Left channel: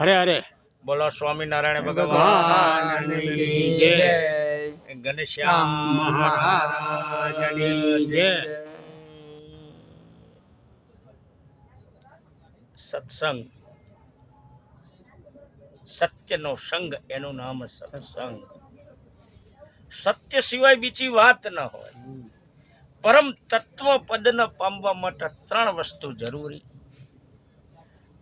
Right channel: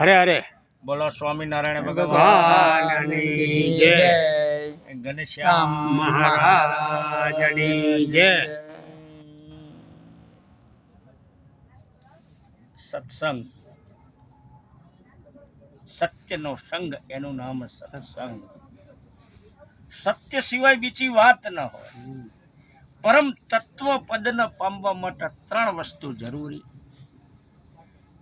હરે હરે બોલો સ્વામિનારાયણ ભગવાનની જય. ઘનશ્યામ મહારાજની જય. સત્સંગ, સત્યનો સંગ, એનું નામ સત્સંગ. સત્ય સિવાય બીજી વાત ન હોય. પરમ તત્વ પદને પામવા માટે ત્રણ વસ્તુ જરૂરી.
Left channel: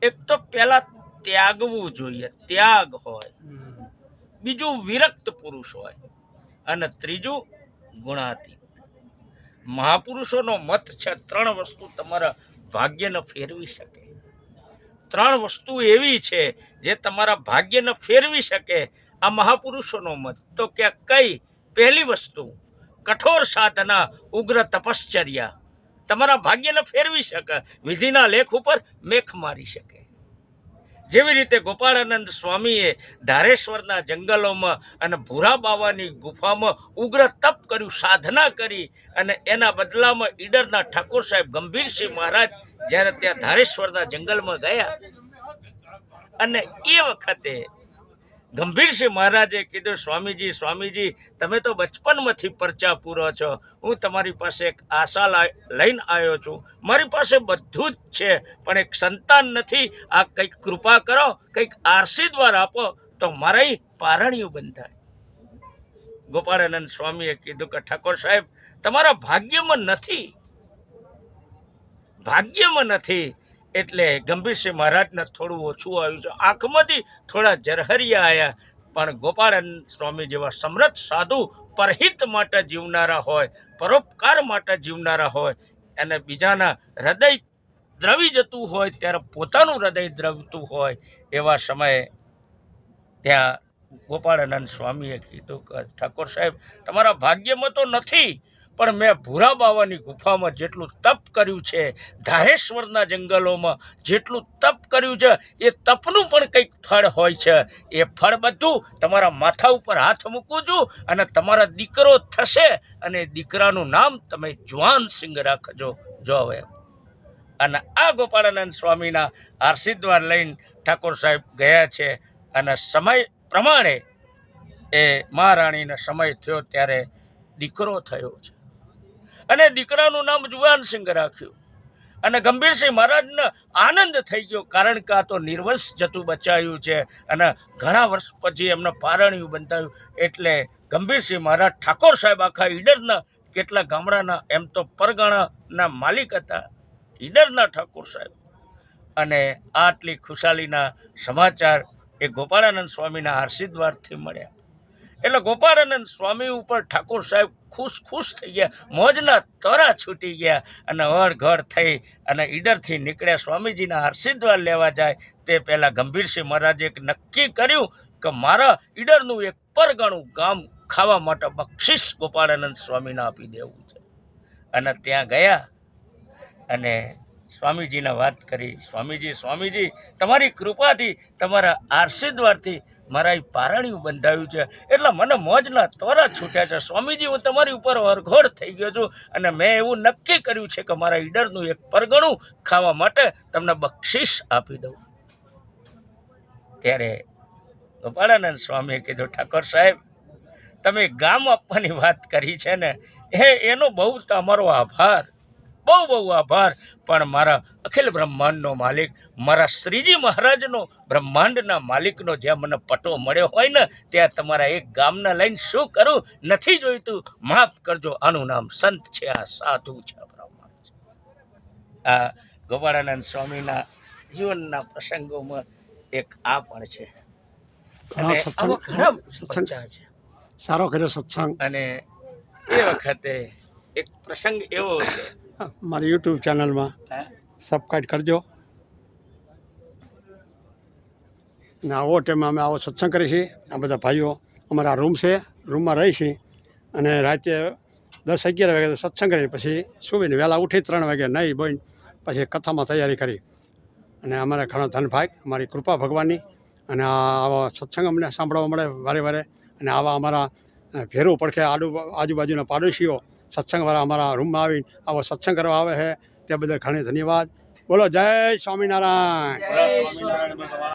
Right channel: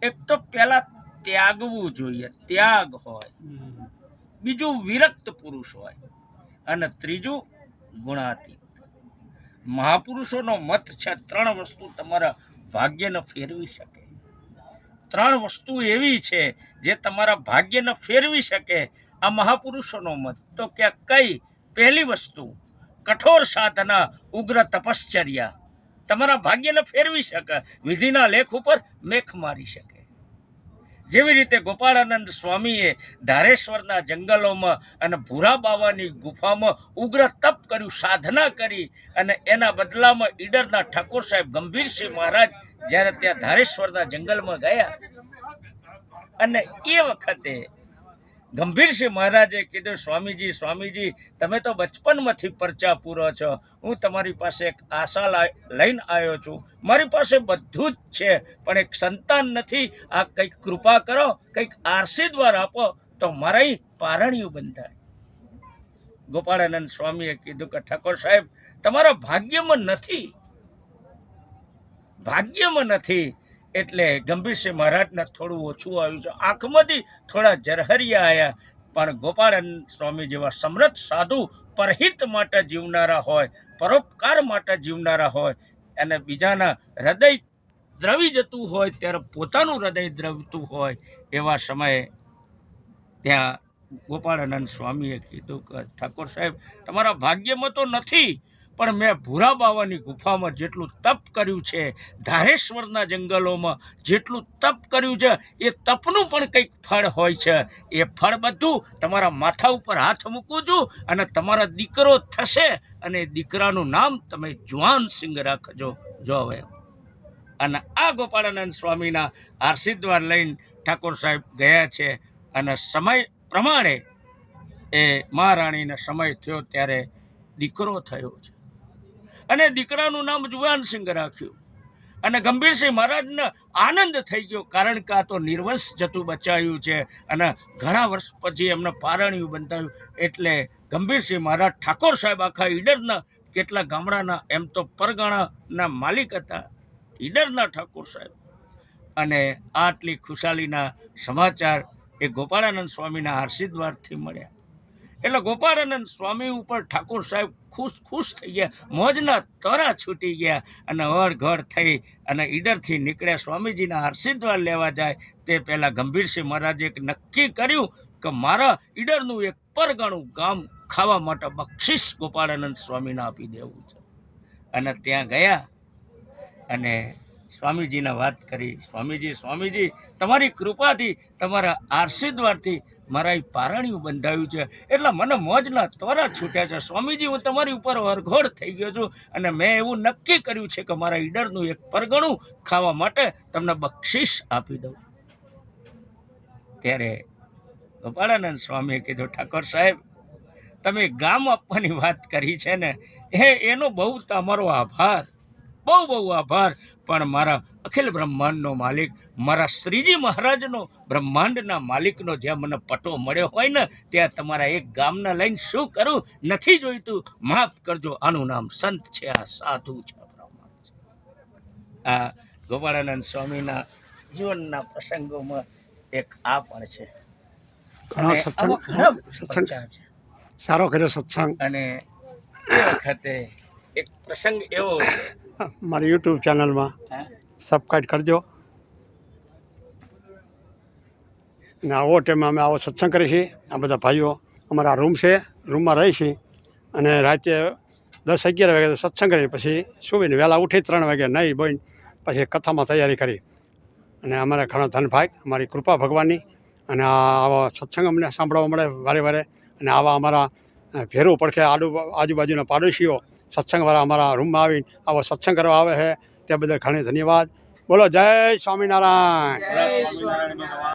એક તો પહેલા ત્યાગવું જોઈએ, ત્યાગ હોય. બીજું વિરક્ત પુરુષ હોય અને ત્રીજું ગુણાતીત. મહાપુરુષોનો મત છે ત્રણ વસ્તુ તમારા ભાગ્યને ફેરવી શકે. ત્રણ વસ્તુ એવી છે જે તમારા ભાગ્યને ફેરવી શકે. આ મહાપુરુષોનો મત. તો કે કઈ? પહેલી વસ્તુ કઠોર સાધના, ઉગ્ર તપશ્ચર્યા તમારા ભાગ્યને ફેરવી શકે, વિધિના લેખ ઉપર મેખ મારી શકે. જેવી રીતે ગોપાળાનંદ સ્વામીએ ધારેશ્વરના જંગલોમાં અને ભૂરા બાવાની ગુફામાં ઉગ્ર તપ કર્યું, સાધના કરી, અને એના બદલામાં ઈડરના ઠાકોર સાહેબ ગંભીરસિંહ મહારાજ જ્યારે ત્યાં ધારેશ્વરના જંગલમાં ગયા અને એ વખતે ગંભીરસિંહ મહારાજે કીધું, સ્વામીજી સ્વામીજી, તમે તો બચપનમાંથી પરચા પૂરો છો, હું તમારી પાસે એક આશા લઈને આવ્યો છું. મારી પાસે બધું જ છે પણ એક સંતાન નથી. આ કંઈક કૃપા કરો, કંઈક આશીર્વાદ આપો તો મારા પારણિયું બંધાય. ગોપાળાનંદ સ્વામીએ કીધું કે ઠાકોર સાહેબ, તમારા ભાગ્યમાં નથી, ભાગ્યમાં નથી. એટલે ગંભીરસિંહ મહારાજને થોડું ઓછું આવ્યું છે, આંખમાંથી થોડા ઝરહરિયા આવ્યા. પણ ગોપાળાનંદ સ્વામી જેવા સમર્થ સાધુ પરહિત માટે જીવનારા હોય, પરોપકાર માટે જીવનારા હોય, અને બીજાના હૃદય દ્રવી જતું હોય ત્યારે પોતાનું હૃદય દ્રવતું હોય, એવા સમયે ત્યાં ગોપાળાનંદ સ્વામીએ કીધું કે ઠાકોર સાહેબ, તમારા ભાગ્યમાં તો નથી, પણ મેં ભૂરા બાવાની ગુફામાં જેટલું તપ કર્યું છે, ધારેશ્વરના જંગલોમાં જેટલું તપ કર્યું છે, એ તપનું પણ કંઈક ફળ હોય છે. એ ફળ બધું તમારા માથા ઉપર હાથ મૂકું છું અને તમારા દીકરો થશે, અને દીકરાનું નામ તમે જુવાનસિંહ રાખજો. જો હવે અને આ ગોપાળાનંદ સ્વામીના આશીર્વાદ લઈને ઠાકોર સાહેબ ગયા છે. અને સમય પ્રમાણે એ મહારાણીનો સમય થયો ત્યારે દીકરો થયો છે, અને દીકરાનું નામ જુવાનસિંહ રાખ્યું. અને ગંભીરસિંહ મહારાજને આનંદ થઈ ગયો, કારણ કે આ તો નિર્વંશ જતું બચાવ્યું છે અને ઘણા વર્ષ પછી એમને પારણિયું બંધાયું. એટલે ગંભીરસિંહ મહારાજ ઠાકોર સાહેબ આખા ઈડરના કેટલા ગામડાના એમ તો પરગણાના માલિક હતા, ઈડરના ઠાકોર સાહેબ. અને આટલી ખુશાલીના સમાચાર એ ગોપાળાનંદ સ્વામીના આશીર્વાદથી મળ્યા. એટલે ગોપાળાનંદ સ્વામી ઉપર ઠાકોર સાહેબ ખુશ થઈ ગયા, મોજના તોરા છૂટી ગયા. અને ઘર થઈ અને ઈડરથી નીકળ્યા. સ્વામીજીના આશીર્વાદ લેવા જાય તે પહેલાં ગંભીરસિંહ મહારાજે એક નક્કી કર્યું કે મારા ઈડરનું એક પરગણું ગામ ખાવા માટે બક્ષિસ ગોપાળાનંદ સ્વામીને આપી દેવું છે. અને ત્યાં ગયા અને સ્વામીજીને વાત કરી, સ્વામીજી સ્વામીજી, તમારી કૃપાથી, તમારા આશીર્વાદથી મારા એ પારણિયું બંધાયું છે, એટલે મને મોજના તોરા છૂટ્યા છે. સ્વામીજી, હું તમારી ઉપર વરઘોડ થઈ ગયો છું અને મેં એવું નક્કી કર્યું છે કે મારા ઈડરનું એક પરગણું ખાવા માટે તમને બક્ષિસ આપી દઉં. ત્યારે ગોપાળાનંદ સ્વામીએ કીધું, ઠાકોર સાહેબ, તમે ગામ આપવાની વાત કરી છે ને, એનો બહુ તમારો આભાર, બહુ બહુ આભાર. પણ મારા અખિલ બ્રહ્માંડનો માલિક, મારા શ્રીજી મહારાજનો, બ્રહ્માંડના માલિકનો જ્યાં મને પટો મળ્યો હોય ને, ત્યાં તમારા એક ગામના લઈને શું કરું, નથી જોઈતું, માફ કરજો. આનું નામ સંત છે, આ સાધુ છે, બ્રાહ્મણ છે. આ ગોપાળાનંદ સ્વામીના જીવનના પ્રસંગોમાં એક આ પણ છે. ઘણા સત્સંગ છે સારો કર્યો સત્સંગ. અને એ વખતે એક પ્રસંગ એવો છે, મારી યુટ્યુબ ચેનલમાં સબસ્ક્રાઈબ કરજો. અને આવો ટાઈમે અમે આવો સત્સંગ કરીએ છીએ. આ બધા ભાઈઓ અમારા રૂમ છે, રૂમમાં રહી છીએ અને રાતે 10-11 વાગે સત્સંગ કરી, પછી સુવીને વહેલા ઉઠી 3 વાગે નહીં બોઈને પછી કથામાં તૈયારી કરી. અને અમારે ઘણો ધનભાગ, અમારી કૃપા ભગવાનની. અને આવા સત્સંગ અમને સાંભળવા મળે વારે વારે. અને આવા અમારા ભેરું પડખે આજુબાજુના પાડોશીઓ સત્સંગવાળા અમારા રૂમમાં આવીને આવો સત્સંગ કરવા આવે છે, તે બદલ ઘણી ધન્યવાદ. બોલો જય સ્વામિનારાયણ.